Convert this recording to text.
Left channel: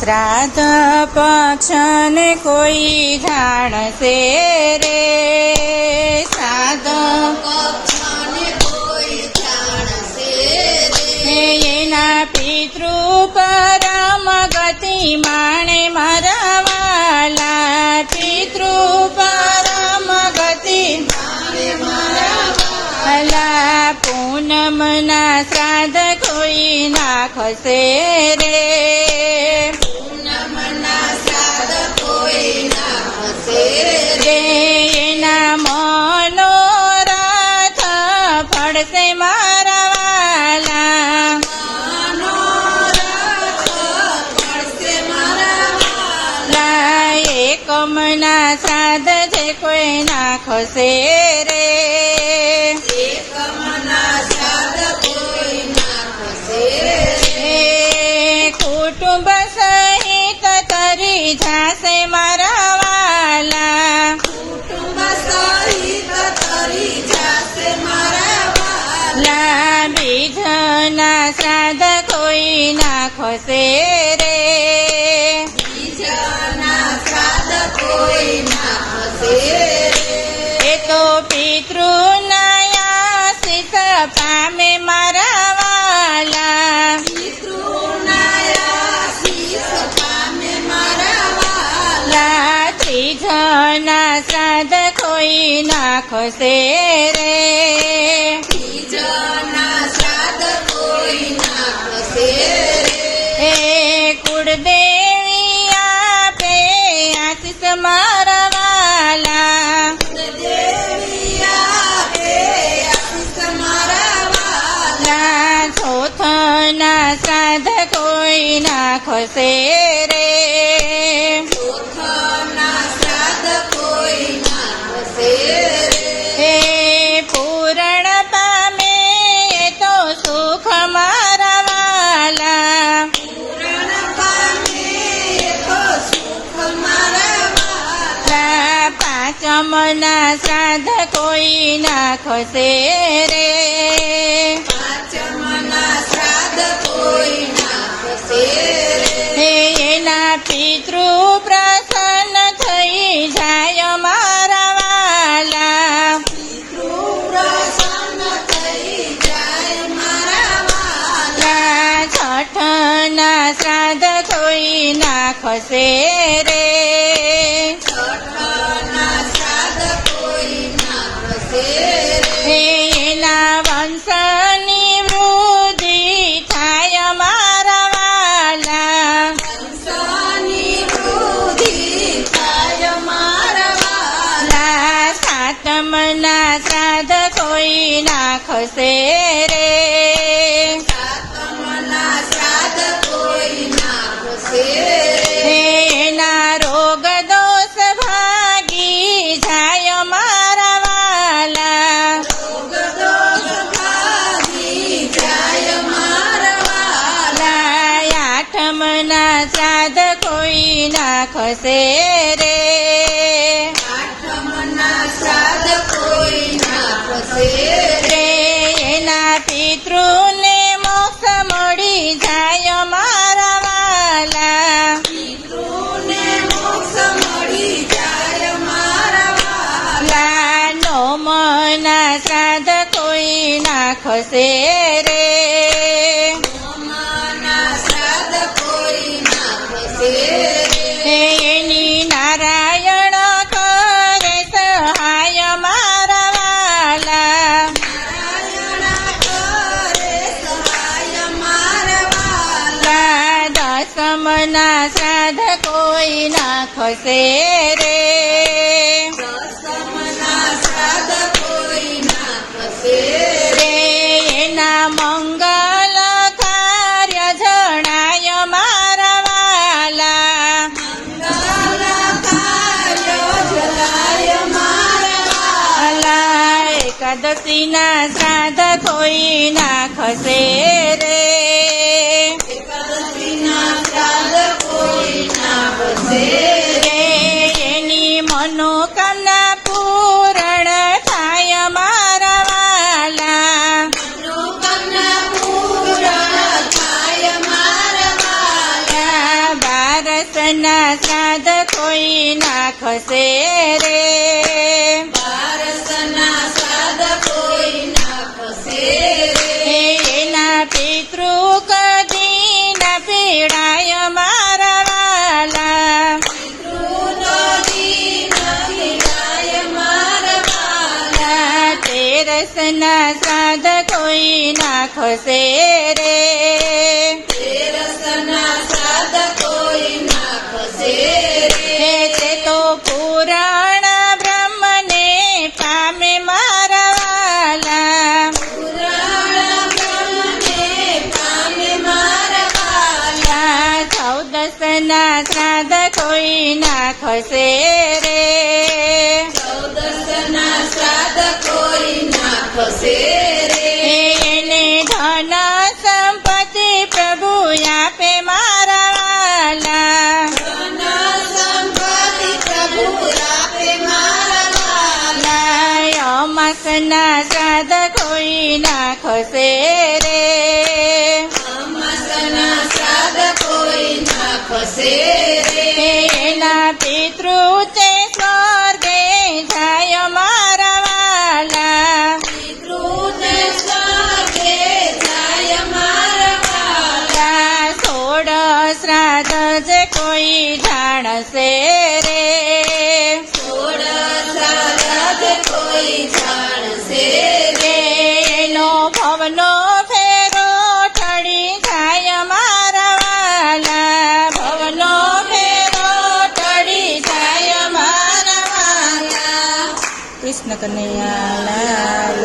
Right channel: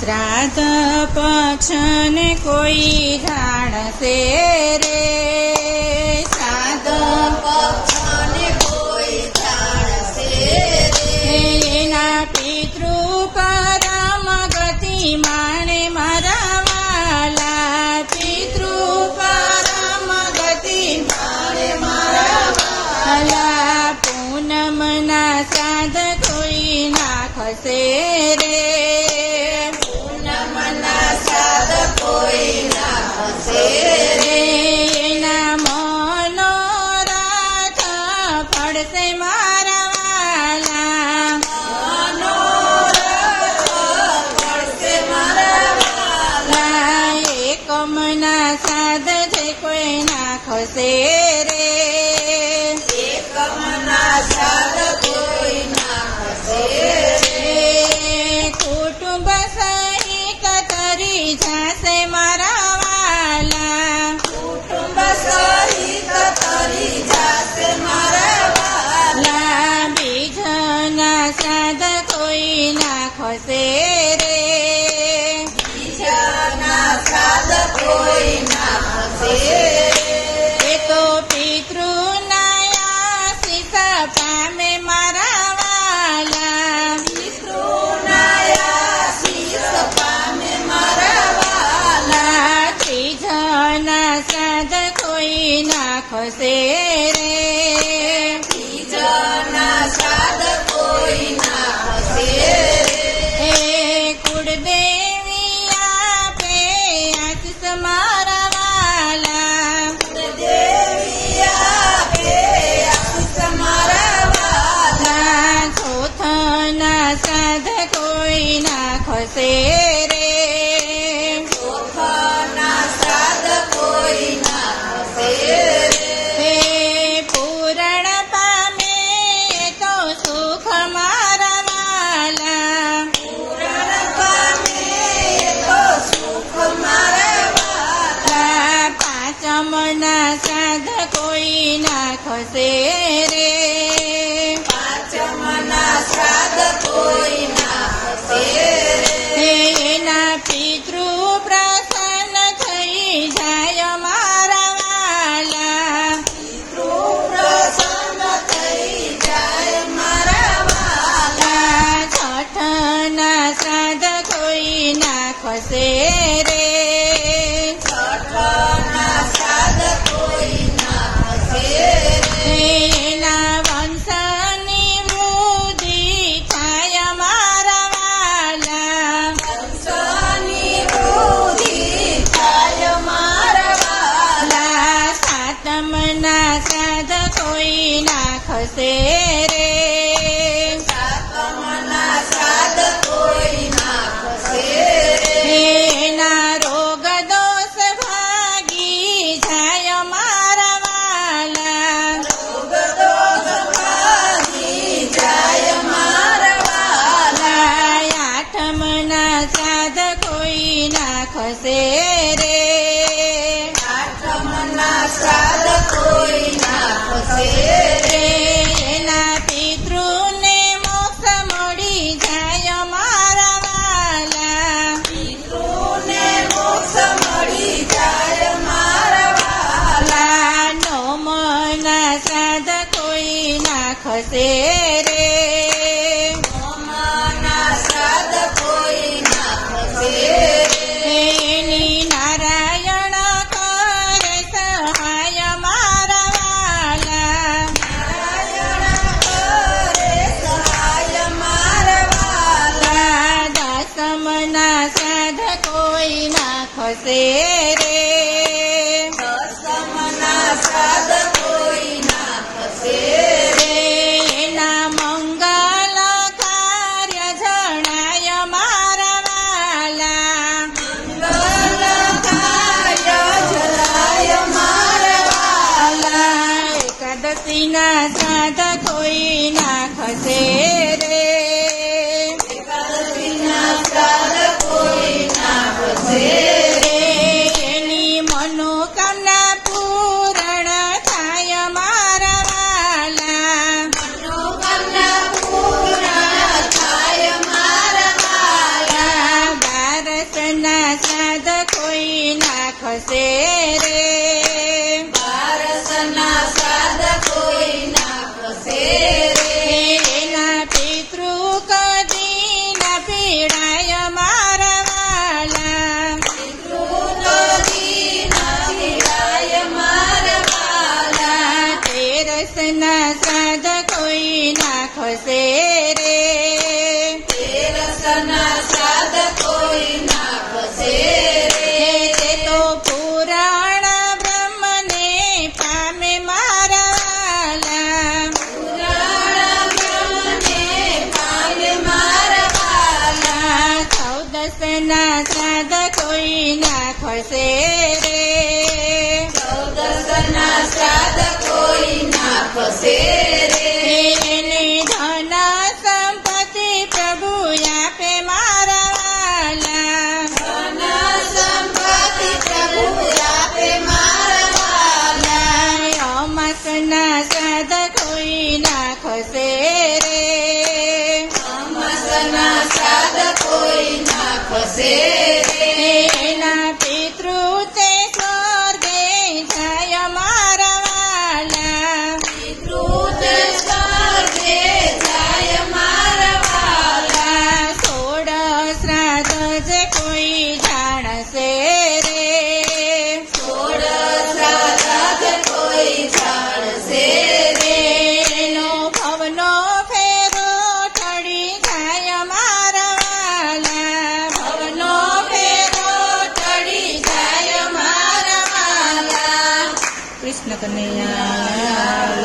શ્રાદ્ધ પક્ષને કોઈ જાણશે રે શ્રાદ્ધ હે એના પિતૃ પરમ ગતિ માણે મારા વાલા પિતૃ પરમ ગતિ માણે મારા વાલા પૂનમના શ્રાદ્ધ કોઈ નાખશે રે એકમના સાધ છે કોઈ નાખશે રે. એ તો પિતૃના આશીષ પામે મારા વાલા વાલા ત્રીજના સાધ કોઈ રે. એ મારા વાલા ના ચોથના સાધ કોઈ નાખશે રે સાધ કોઈ નાખશે રે. સાધ કોઈ નાખશે રે? એના રોગ દોષ ભાગી જાય મારા વાલા. આઠમના સાધ કોઈ રે? એના પિતૃને મોક્ષ મળી જાય મારા વાલા. લા નોમના સાધ કોઈ નાખશે રે નાખશે રે. રે એના મંગલ કાર્ય જણાય મારા વાલા. એકાદશીના શ્રાદ્ધ કોઈ નાખશે રે રે. બારસના શ્રાદ્ધ કોઈ નાખશે રે. બારસના સાદ કોઈ નાખશે રે. એના પિતૃ કદી ન પીડાય મારા વાલા. તેરસના શ્રાદ્ધ કોઈ નાખશે રે. હે ચૌદસના શ્રાદ્ધ કોઈ નાખશે રે. એને ધન સંપત્તિ પ્રભુ આપે મારા વાલા. અમાસના શ્રાદ્ધ કોઈ નાખશે રે. એના પિતૃ તે સ્વર્ગે જાય મારા વાલા. સોળ શ્રાદ્ધ જે કોઈ જાણશે કનૈયા લાલ